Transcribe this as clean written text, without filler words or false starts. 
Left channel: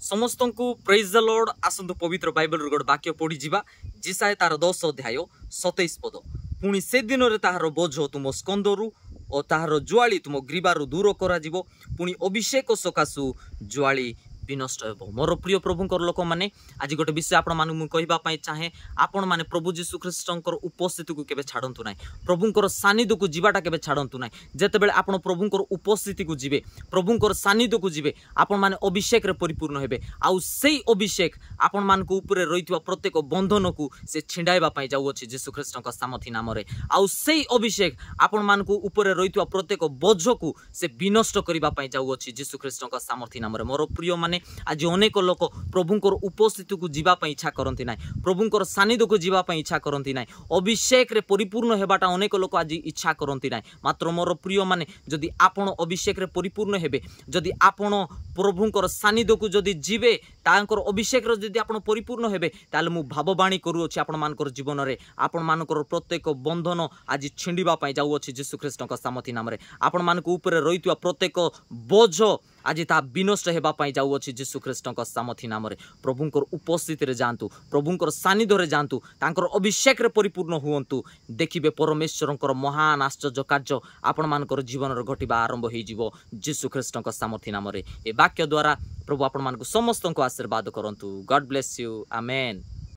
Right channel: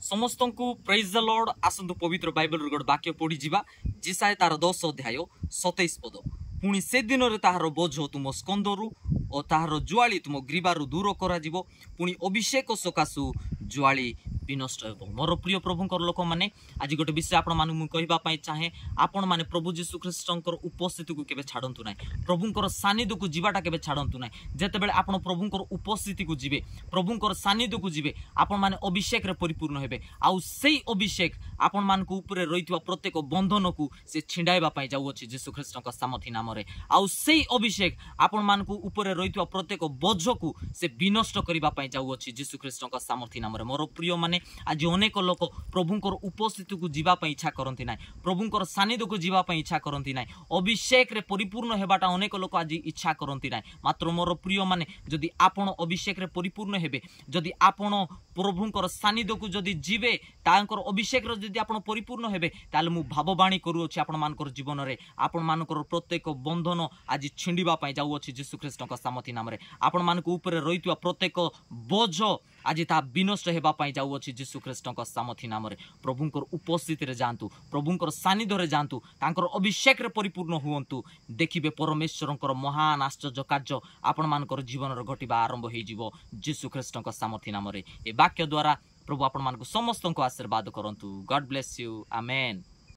समस्त को praise the Lord. आसंतु पवित्र बाइबल रो वाक्य पढ़ी जिबा जिसाय तार 10 अध्याय 27 पद। पुणी से दिन रे ताहार बोझ तुम स्कंदरु और ताहार जुआली तुम ग्रीबारु दूर करा जिवो। पुणी अभिषेक सकाशु जुआली विनष्ट हो। मोर प्रिय प्रभुंकर लोक मैंने आज गोटे विषय आपण मानू कहवाई चाहे आपण मैंने प्रभु जीशु ख्रीष्टर उपस्थिति को केबे छाड़तु ना। प्रभुंकर सानिध्य को जीवाटा केबे छाड़तु ना। जेतेबेले आपण प्रभुंकर उपस्थिति को जीवे, प्रभुंकर सानिध्य को जीवे, आपण माने अभिषेक रे परिपूर्ण हेबे। आउ सेई अभिषेक आपण मान को ऊपर रहितवा प्रत्येक बंधन को से छिंडाइबा पई जाउ अछि जीशु ख्रीष्टर सामर्थ्य नाम रे। आउ सेई अभिषेक आपण मान को ऊपर रहितवा प्रत्येक बोझ को से विनष्ट करिबा पई जाउ अछि जीशु ख्रीष्टर सामर्थ्य नाम रे। मोर प्रिय माने आज अनेक लोक प्रभुंकर उपस्थिति को जीवा पई इच्छा करंती नाय, प्रभुंकर सानिध्य को जीवा पई इच्छा करंती नाय, अभिषेक रे परिपूर्ण हेबाटा अनेक लोक आज इच्छा करंती नाय। मात्र मोर प्रिय माने जदि आपण अभिषेक रे परिपूर्ण हेबे, जदि आपण प्रभुंकर सानिध्य को जदि जीवे, तांकर अभिषेक रे जदि आपण परिपूर्ण हेबे, ताले मु भावबाणी करू अछि आपण मानकर जीवन रे आपण मानकर प्रत्येक बंधन आज छिंडिबा पई जाउ अछि यीशु ख्रीष्टक सामर्थ्य नाम रे। आपण मानक ऊपर रहितवा प्रत्येक बोझ आज ता विनष्ट हेबा पई जाउ अछि यीशु ख्रीष्टक सामर्थ्य नाम रे। प्रभुंकर उपस्थिति रे जानतु, प्रभुंकर सानिध्य रे जानतु, तांकर अभिषेक रे परिपूर्ण हुवंतु। देखिबे परमेश्वरंकर महान आश्चर्य कार्य आपण मानकर जीवन रे घटिबा आरंभ होई जिवो यीशु ख्रीष्टक सामर्थ्य नाम रे। ए वाक्य द्वारा प्रभु आपण मानक समस्त को आशीर्वाद करंतु। God bless you. आमेन।